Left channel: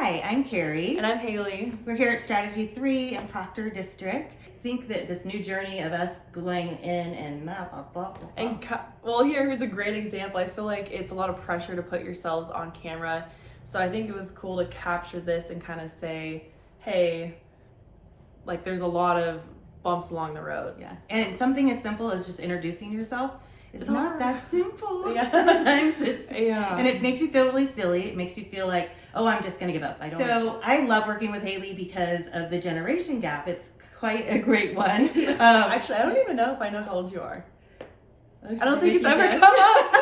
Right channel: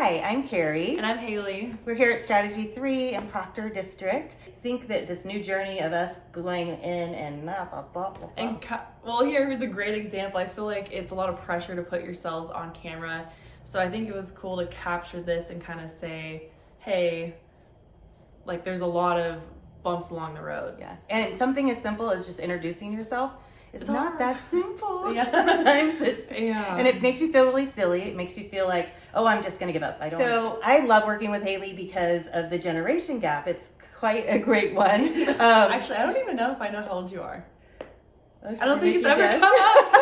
Hi, I'm Carrie. And I'm Haley. We're here at Strategy 3 in Proctor District. I think that this new journey of us going in and Well, here's a great example. I feel like it's a lot of pressure to put yourselves on camera. So I think it was cool to capture this and kind of say, hey, like there's a lot of bumps along the road. Yeah. And something as simple as just introducing yourself. It's not hard. that simple. Yeah. Sometimes it's, Yeah. and it makes you feel really silly. It makes you feel like, oh, I'm just going to give up. So I love working with Haley because of the generation gap. It's quite a great one. Actually, I don't even know if I know how old you are. I don't think it's ever come up.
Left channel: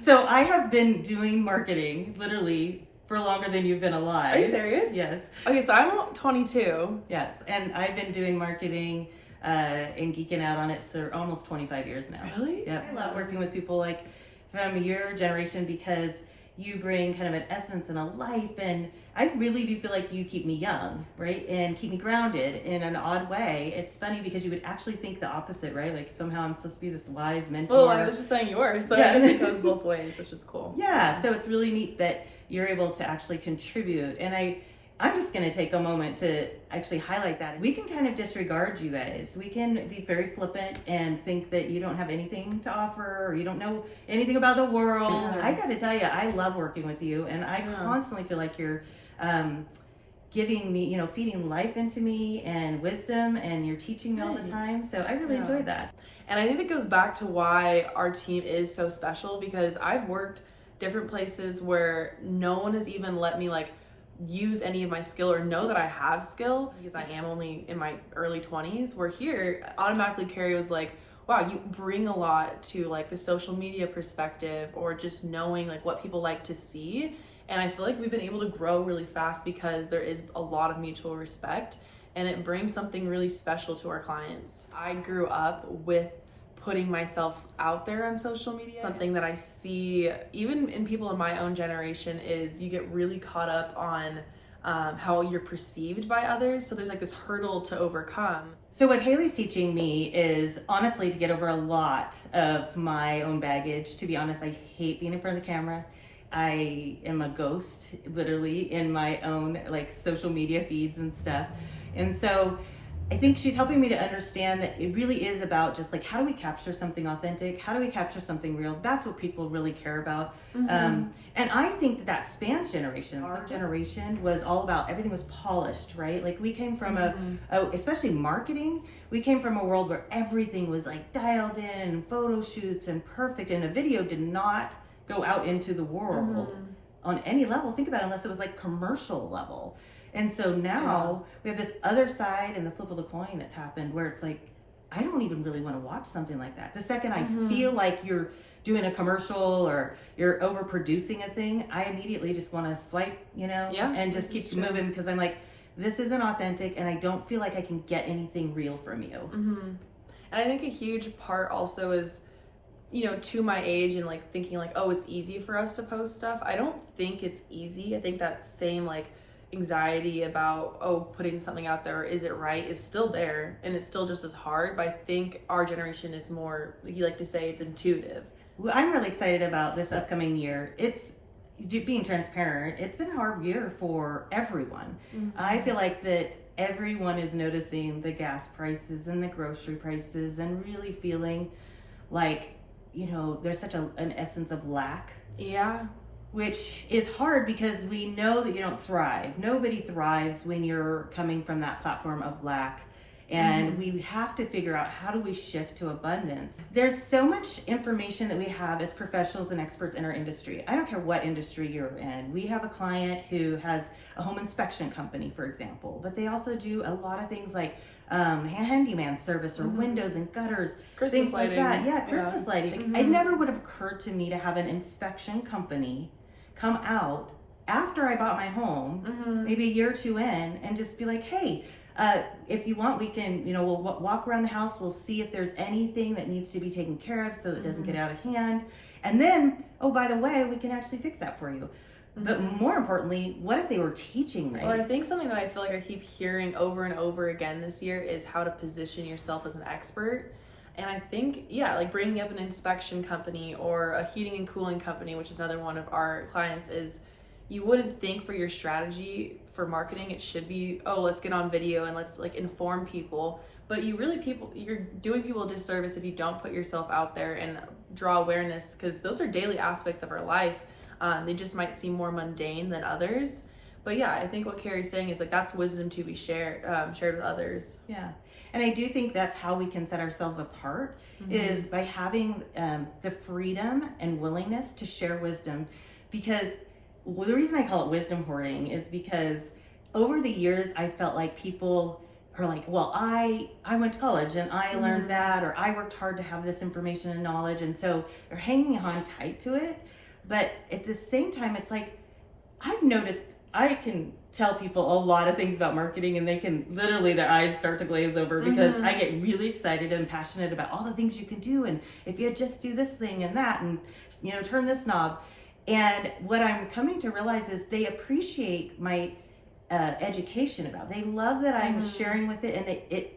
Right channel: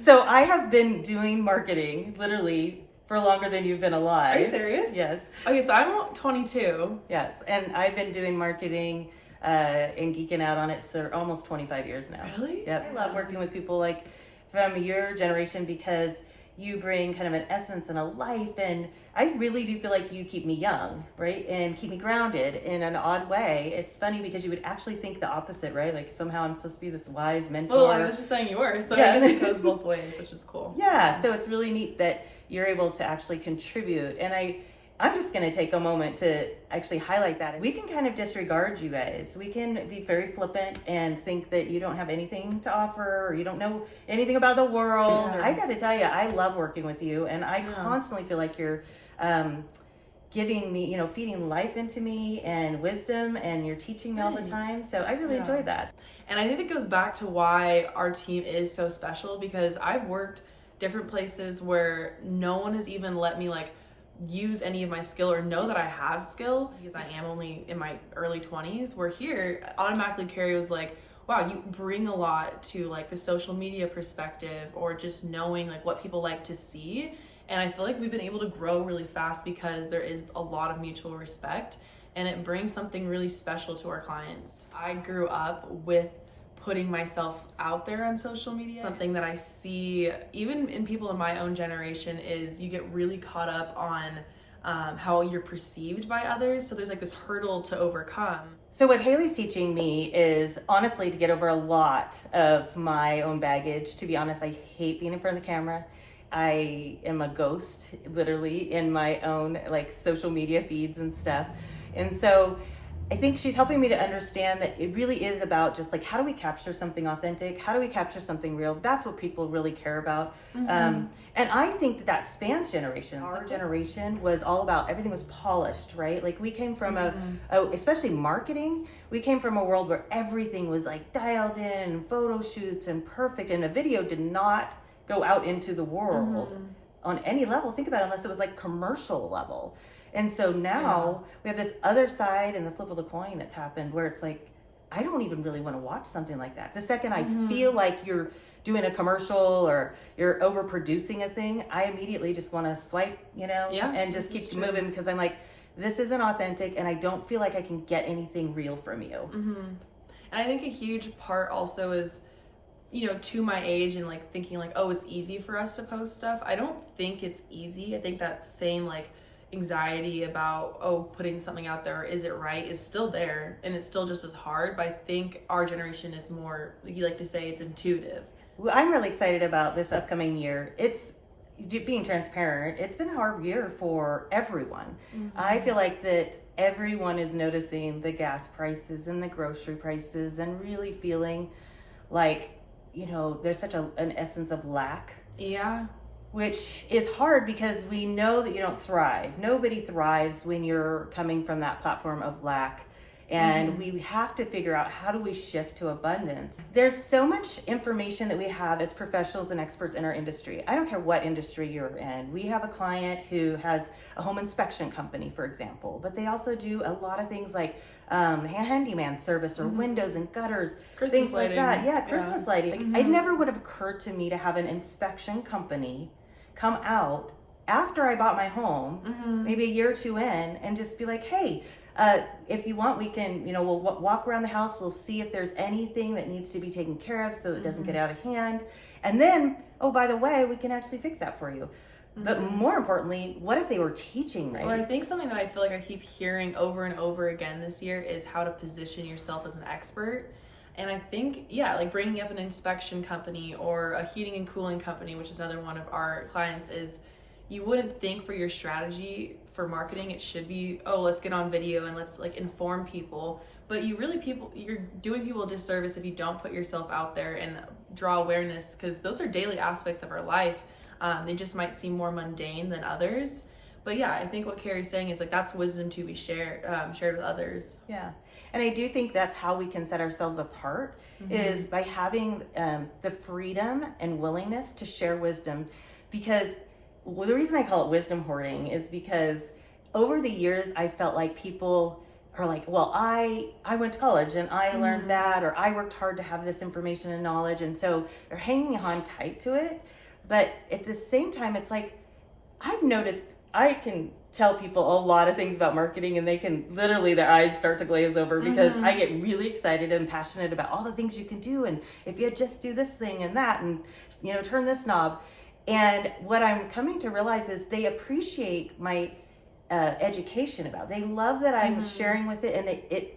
So I have been doing marketing literally for longer than you've been alive. Are you serious? Yes. Okay, so I'm 22. Yes, and I've been doing marketing and geeking out on it for almost 25 years now. Really? Yep. I love working with people like from your generation because you bring kind of an essence and a life, and I really do feel like you keep me young, right? And keep me grounded in an odd way. It's funny because you would actually think the opposite, right? Like somehow I'm supposed to be this wise mentor. Well, I was just saying you were, so Yeah. I guess it goes both ways, which is cool. Yeah, so it's really neat that you're able to actually contribute. And I'm just going to take a moment to actually highlight that. We can kind of disregard you guys. We can be very flippant and think that you don't have anything to offer or you don't know anything about the world. Yeah. I got to tell you, I love working with you, and I constantly feel like you're giving me, feeding life into me and wisdom, and you're teaching me all the time. So I really enjoy that. And I think it goes back to why our team is so special, because I've worked different places where no one has even let me use any of my skill or know that I have skill, because I am only in my early 20s. Where here, automatically Carrie was like, wow, you bring a lot to the social media perspective or just knowing what people like to see. And I feel like we've been able to grow really fast because there is a lot of mutual respect, and it brings something really special to our clients. I grew up with putting myself out there on social media. Something that I see even in people in my own generation is you get really caught up on how you're perceived by others. So there's this hurdle to overcome. So what Haley's teaching me is honestly to get over a lot of my own baggage. To be honest, I hate being in front of the camera. I am a ghost, literally, in my own social media feeds and stuff. And so I think she's helping me to understand that it really is about just how do we capture something authentic? How do we capture something real? That's what people really care about. Mm-hmm. And I think that spans generations. Our generation was all about everything was polished, right? We came from especially marketing, we came from a world where everything was dialed in, photo shoots and perfect, and a video did not go out into the world on any level. Think about it, unless it was commercial level. And so now we have this other side and the flip of the coin that's happened where it's I don't even really want to watch something like that. The second I feel like you're doing a commercial or you're overproducing a thing, I immediately just want to swipe, and just keep moving, because I'm this isn't authentic and I don't feel like I can get anything real from you. Mm-hmm. And I think a huge part also is, to my age and thinking oh, it's easy for us to post stuff. I don't think it's easy. I think that same anxiety about putting something out there, is it right, is still there, and it's still just as hard. But I think our generation is more, you like to say, it's intuitive. Well, I'm really excited about this upcoming year. It's being transparent. It's been a hard year for everyone. I feel like that everyone is noticing the gas prices and the grocery prices and really feeling there's such an essence of lack. Yeah. Which is hard because we know that you don't thrive. Nobody thrives when you're coming from that platform of lack. And we have to figure out, how do we shift to abundance? There's so much information that we have as professionals and experts in our industry. I don't care what industry you're in. We have a client who has a home inspection company, for example, but they also do a lot of things handyman service or windows and gutters, Christmas things lighting. like that. Yeah, Christmas lighting. It never would have occurred to me to have an inspection company come out after I bought my home, maybe a year or two in, and just be hey, if you want, we can, we'll walk around the house. We'll see if there's anything that needs to be taken care of so that it doesn't get out of hand. And then, oh, by the way, we can actually fix that for you. But more importantly, what if they were teaching right? Or I think something that I feel I keep hearing over and over again this year is how to position yourself as an expert. And I think, bringing up an inspection company or a heating and cooling company, which is another one of our clients, is you wouldn't think for your strategy for marketing it should be, oh, let's get on video and let's like inform people. But you're doing people a disservice if you don't put yourself out there and draw awareness, because those are daily aspects of our life. They just might seem more mundane than others. But yeah, I think what Carrie's saying is like that's wisdom to be shared with others. Yeah. And I do think that's how we can set ourselves apart, is by having the freedom and willingness to share wisdom. Because the reason I call it wisdom hoarding is because over the years, I felt like people are like, well, I went to college and I learned that, or I worked hard to have this information and knowledge. And so they're hanging on tight to it. But at the same time, it's like, I've noticed I can tell people a lot of things about marketing and they can literally, their eyes start to glaze over because I get really excited and passionate about all the things you can do. And if you just do this thing and that, and, you know, turn this knob. And what I'm coming to realize is they appreciate my education about it. They love that I'm sharing with it, and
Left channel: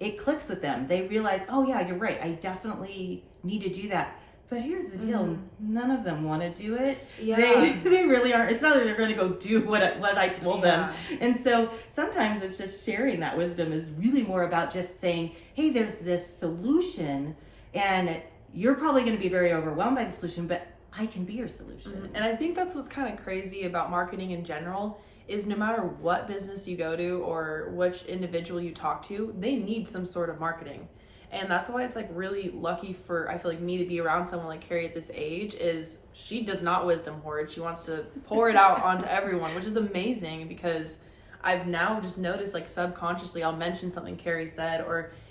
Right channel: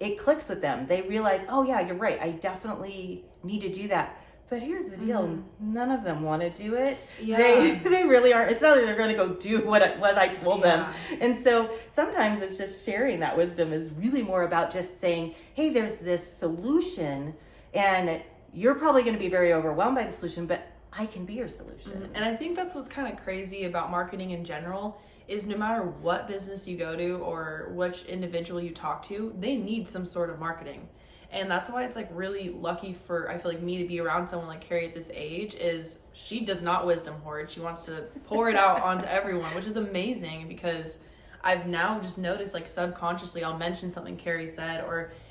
it clicks with them. They realize, oh yeah, you're right. I definitely need to do that. But here's the deal: none of them want to do it. Yeah, they really aren't. It's not that they're going to go do what it was I told them. And so sometimes it's just sharing that wisdom is really more about just saying, hey, there's this solution, and you're probably going to be very overwhelmed by the solution, but I can be your solution. And I think that's what's kind of crazy about marketing in general is no matter what business you go to or which individual you talk to, they need some sort of marketing. And that's why it's like really lucky for, I feel like, me to be around someone like Carrie at this age. Is she does not wisdom hoard. She wants to pour it out onto everyone, which is amazing, because I've now just noticed, like, subconsciously I'll mention something Carrie said,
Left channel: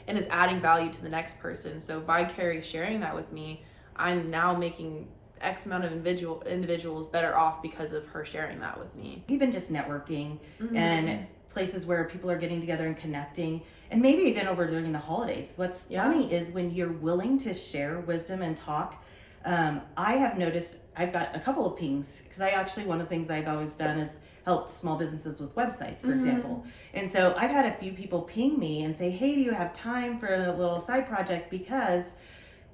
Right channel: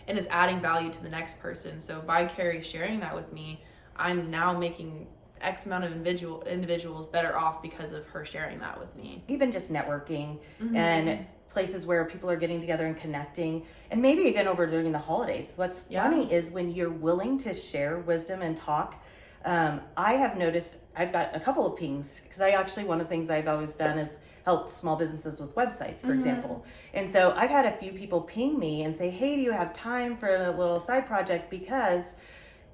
and it's adding value to the next person. So by Carrie sharing that with me, I'm now making X amount of individuals better off because of her sharing that with me. Even just networking and places where people are getting together and connecting, and maybe even over during the holidays. What's funny is when you're willing to share wisdom and talk, I have noticed I've got a couple of pings, because I actually, one of the things I've always done is helped small businesses with websites, for example. And so I've had a few people ping me and say, hey, do you have time for a little side project? Because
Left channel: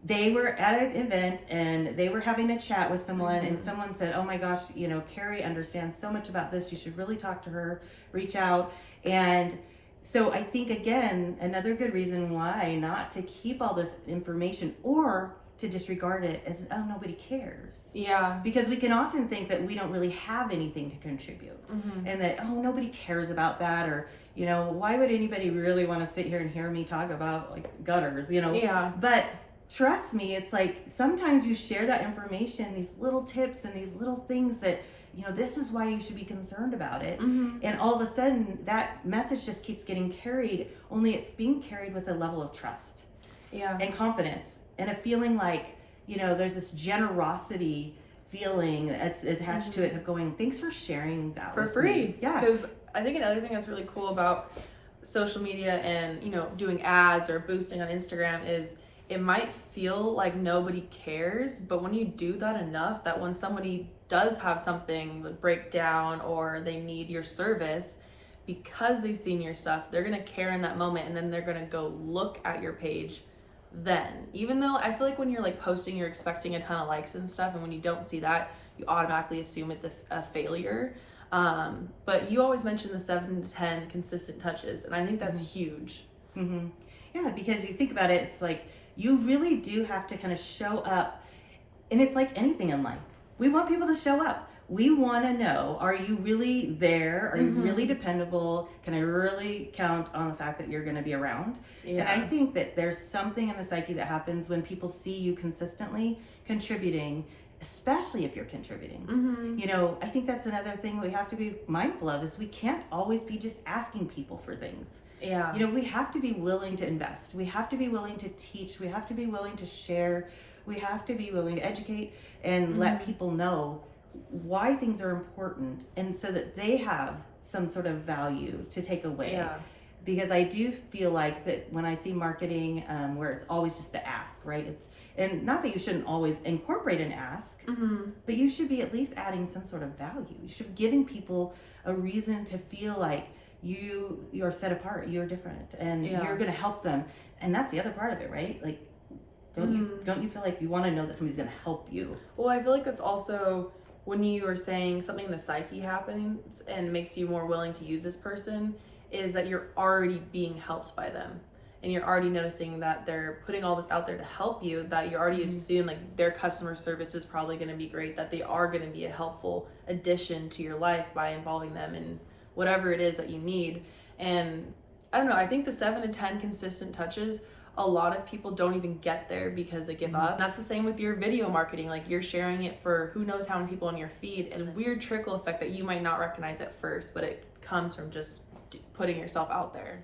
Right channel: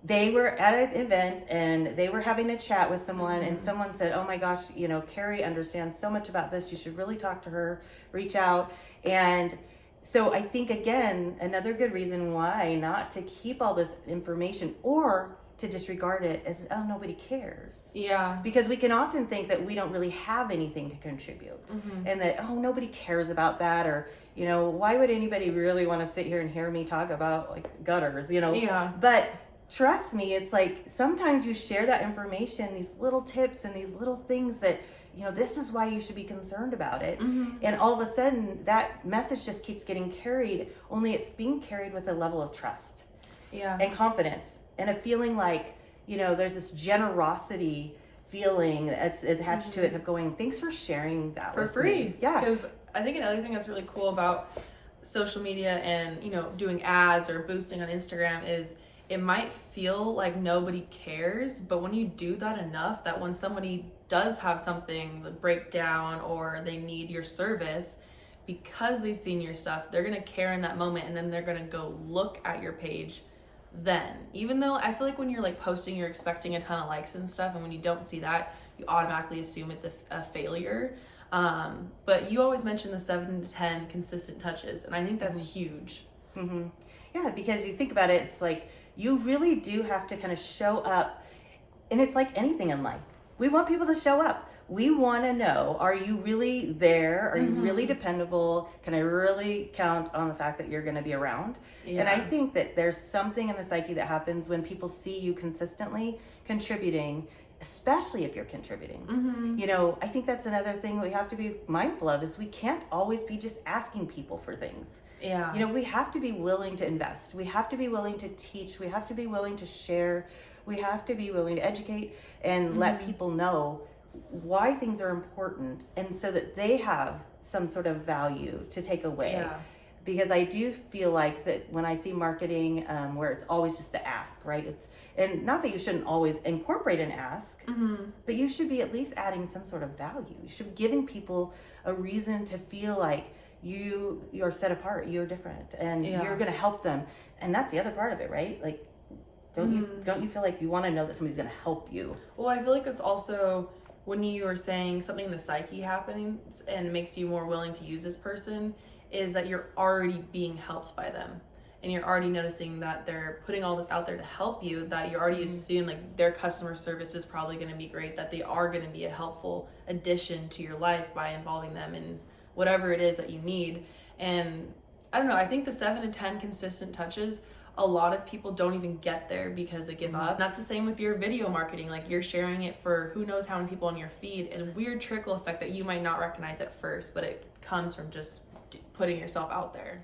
they were at an event and they were having a chat with someone, and someone said, oh my gosh, you know, Carrie understands so much about this. You should really talk to her, reach out. And so I think, again, another good reason why not to keep all this information or to disregard it is, oh, nobody cares. Yeah. Because we can often think that we don't really have anything to contribute, and that, oh, nobody cares about that, or, you know, why would anybody really want to sit here and hear me talk about, like, gutters, you know? Yeah. But trust me, it's like sometimes you share that information, these little tips and these little things that, you know, this is why you should be concerned about it. And all of a sudden that message just keeps getting carried, only it's being carried with a level of trust and confidence and a feeling like, you know, there's this generosity feeling that's attached to it of going, thanks for sharing that for with free. Me. Yeah. Because I think another thing that's really cool about social media and, you know, doing ads or boosting on Instagram is it might feel like nobody cares, but when you do that enough, that when somebody does have something break down or they need your service, because they've seen your stuff, they're gonna care in that moment, and then they're gonna go look at your page then. Even though I feel like when you're like posting, you're expecting a ton of likes and stuff, and when you don't see that, you automatically assume it's a failure. But you always mention the 7 to 10 consistent touches, and I think that's huge. Yeah, because you think about it, it's like, you really do have to kind of show up. And it's like anything in life. We want people to show up. We want to know, are you really there? Are you really dependable? Can I really count on the fact that you're going to be around? And I think that there's something in the psyche that happens when people see you consistently contributing, especially if you're contributing. You know, I think that's another thing we have to be mindful of, is we can't always be just asking people for things. Yeah. You know, we have to be willing to invest. We have to be willing to teach. We have to be willing to share. We have to be willing to educate and let people know why things are important, and so that they have some sort of value to take away. Yeah. Because I do feel like that when I see marketing where it's always just the ask, right? And not that you shouldn't always incorporate an ask, but you should be at least adding some sort of value. You should be giving people a reason to feel like you're set apart, you're different, and you're going to help them. And that's the other part of it, right? Like, don't you feel like you want to know that somebody's going to help you? Well, I feel like that's also when you are saying something in the psyche happens and makes you more willing to use this person, is that you're already being helped by them. And you're already noticing that they're putting all this out there to help you, that you already assume like their customer service is probably going to be great, that they are going to be a helpful addition to your life by involving them in whatever it is that you need. And I don't know, I think the 7 to 10 consistent touches, a lot of people don't even get there because they give up. And that's the same with your video marketing. Like, you're sharing it for who knows how many people on your feed. It's a weird trickle effect that you might not recognize at first, but it comes from just putting yourself out there.